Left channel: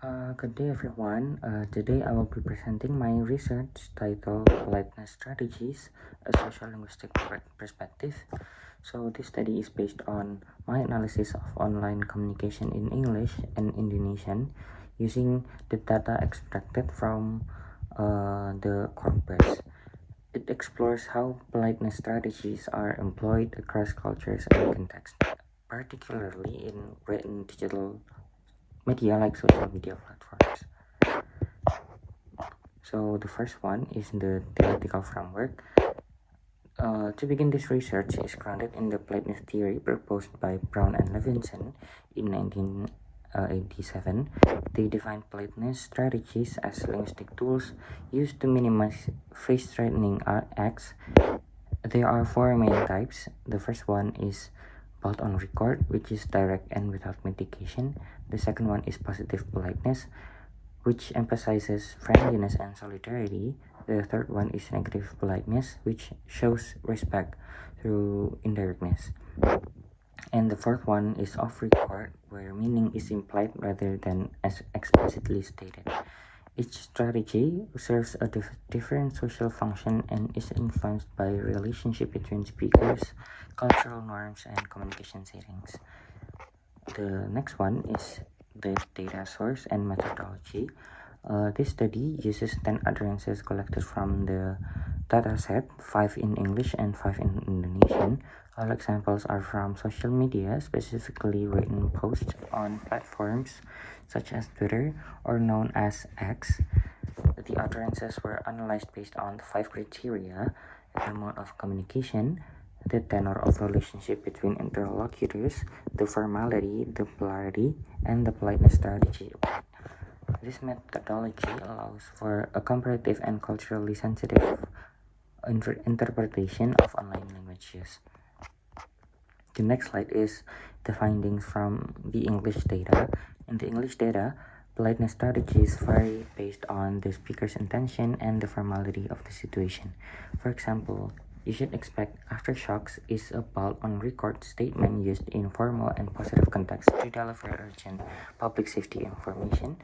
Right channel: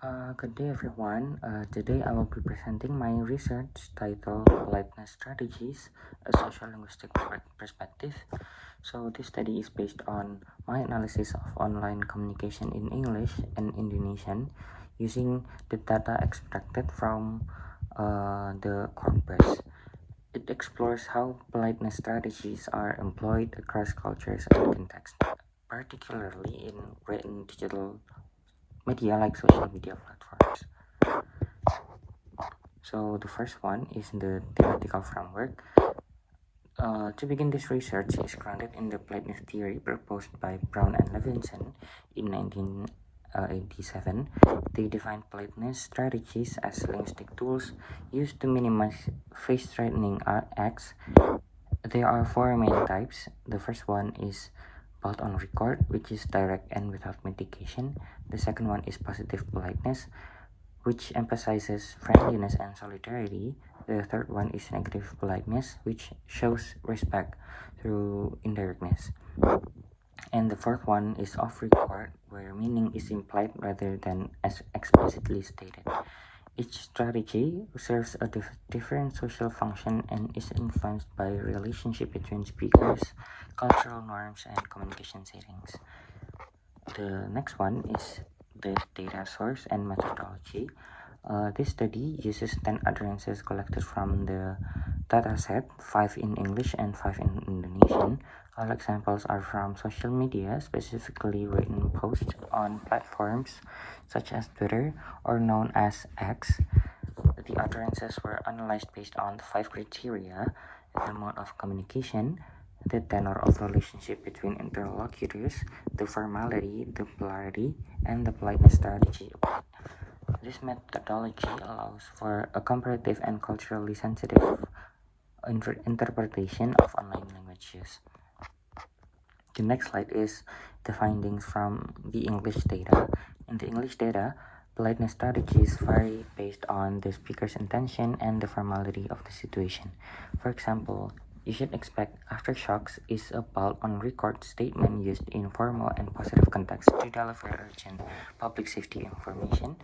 Good day, everyone. Today I will be presenting my research titled Politeness Strategies, a Social Linguistic Perspective. So, this study is based on my analysis of online communication in English and Indonesian using the data extracted from the corpus. It explores how politeness strategies are employed across cultures and contexts, particularly in written digital media like social media platforms. So the first one is the theoretical framework. To begin, this research is grounded in the politeness theory proposed by Brown and Levinson in 1987. They defined politeness strategies as linguistic tools used to minimize face-threatening acts. There are four main types. The first one is bolt on record, which is direct and without mitigation. The second one is positive politeness, which emphasizes friendliness and solidarity. The third one is negative politeness, which shows respect through indirectness. And the fourth one is off record, where meaning is implied rather than as explicitly stated. Each strategy serves a different social function and is influenced by relationship between speakers, cultural norms, and communication settings. The next one is the data source and methodology. This study uses 10 utterances collected from the dataset, 5 in English and 5 in Indonesian. All examples are from social media, specifically written posts on platforms such as Twitter or known as X. The utterances were analyzed based on the 5 criteria: the mode of communication, the tenor of relationship between interlocutors, the formality, the polarity, and the politeness strategy applied. This methodology allows for a comparative and culturally sensitive interpretation of online languages. The next slide is the findings from the English data. In the English data, politeness strategies vary based on the speaker's intention and the formality of the situation. For example, you should expect aftershocks is a bold on record statement used in formal and positive context to deliver urgent public safety information.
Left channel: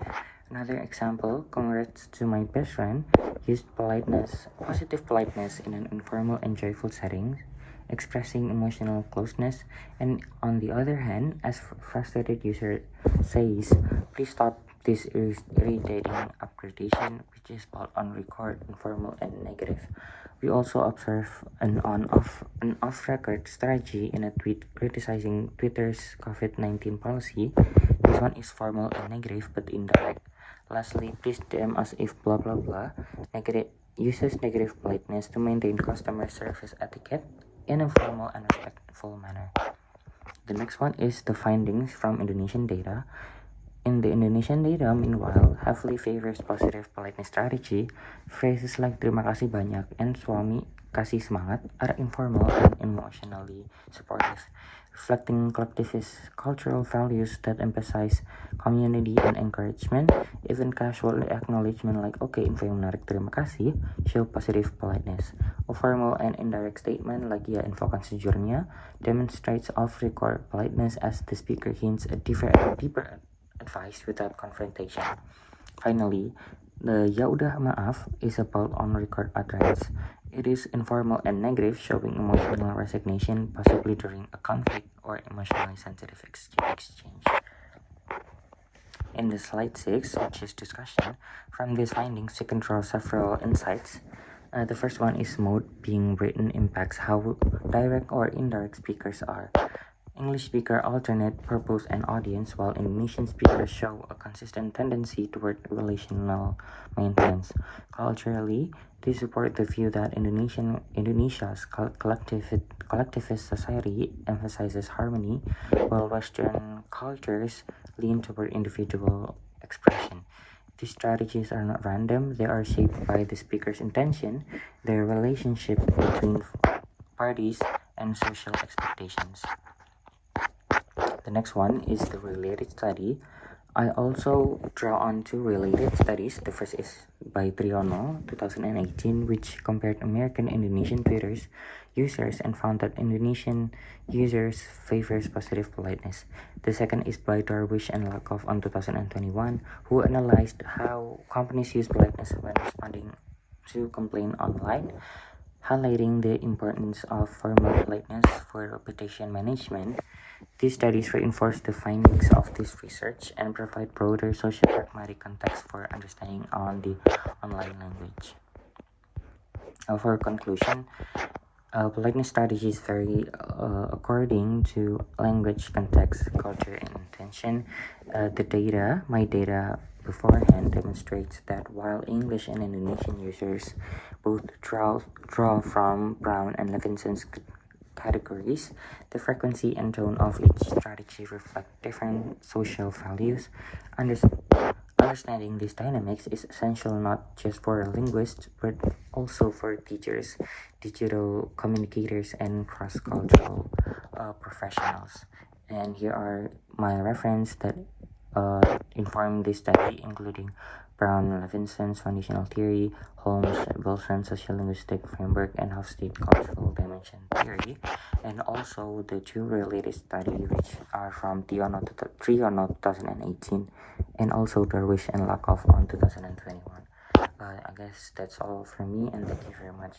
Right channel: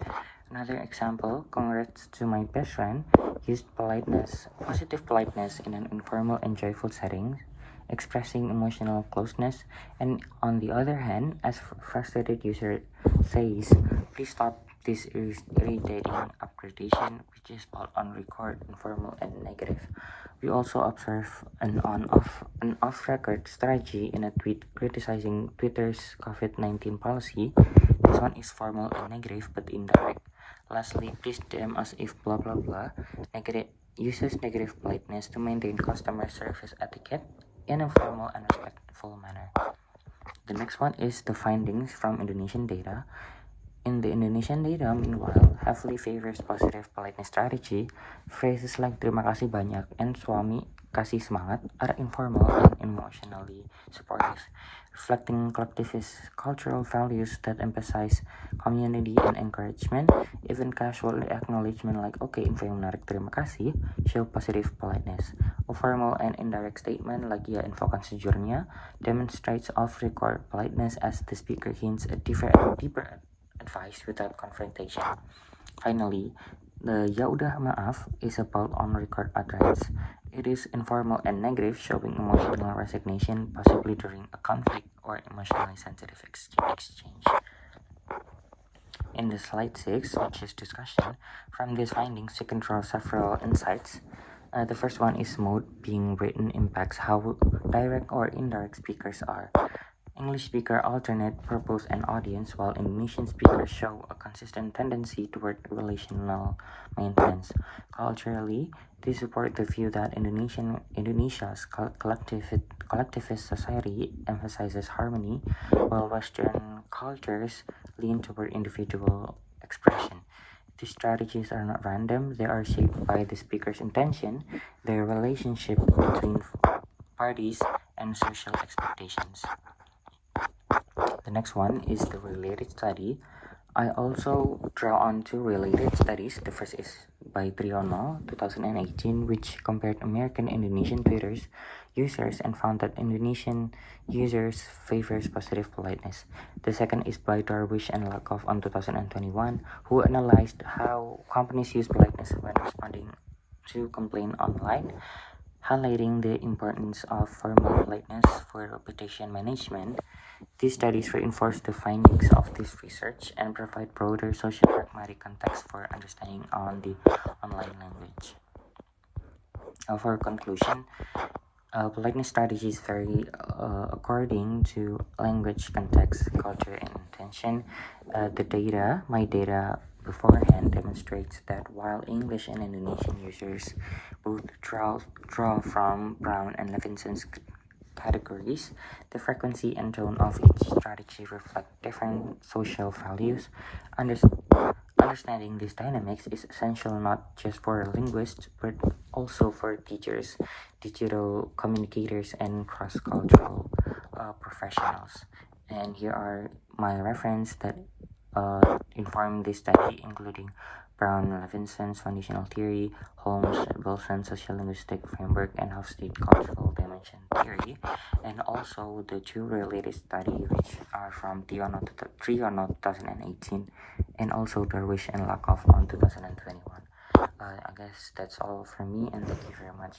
Another example, congrats to my best friend, used positive politeness in an informal and joyful setting, expressing emotional closeness. And on the other hand, as frustrated user says, please stop this irritating upgradation, which is bold on record, informal and negative. We also observe an off-record strategy in a tweet criticizing Twitter's COVID-19 policy. This one is formal and negative but indirect. Lastly, please DM us if blah blah blah uses negative politeness to maintain customer service etiquette in a formal and respectful manner. The next one is the findings from Indonesian data. In the Indonesian data, meanwhile, heavily favors positive politeness strategy. Phrases like terima kasih banyak and suami kasih semangat are informal and emotionally supportive, reflecting collectivist cultural values that emphasize community and encouragement. Even casual acknowledgement like "Oke, info yang menarik, terima kasih" show positive politeness. A formal and indirect statement like "Ya, infokan sejujurnya" demonstrates off-record politeness as the speaker hints a deeper advice without confrontation. Finally, the "Ya udah maaf" is about on-record utterance. It is informal and negative, showing emotional resignation, possibly during a conflict or emotionally sensitive exchange. In the slide 6, which is discussion, from these findings you can draw several insights. The first one is mode being written impacts how direct or indirect speakers are. English speakers alternate purpose and audience, while Indonesian speakers show a consistent tendency toward relational maintenance. Culturally, they support the view that Indonesia's collectivist society emphasizes harmony, while Western cultures lean toward individual expression. These strategies are not random, they are shaped by the speaker's intention, their relationship between parties, and social expectations. The next one is the related study. I also draw on two related studies. The first is by Triono, 2018, which compared American Indonesian Twitter users and found that Indonesian users favors positive politeness. The second is by Darwish and Lakoff on 2021, who analyzed how companies use politeness when responding to complaint online, highlighting the importance of formal politeness for reputation management. These studies reinforce the findings of this research and provide broader social pragmatic context for understanding on the online language. For conclusion, politeness strategies vary according to language, context, culture, and intention. My data beforehand demonstrates that while English and Indonesian users both draw from Brown and Levinson's categories, the frequency and tone of each strategy reflect different social values. Understanding these dynamics is essential not just for linguists but also for teachers, digital communicators, and cross-cultural professionals. And here are my reference that inform this study, including Brown and Levinson's foundational theory, Holmes and Wilson's sociolinguistic framework, and Hofstede cultural dimension theory, and also the two related studies which are from Triono 2018 and also Darwish and Lakoff on 2021. I guess that's all from me, and thank you very much.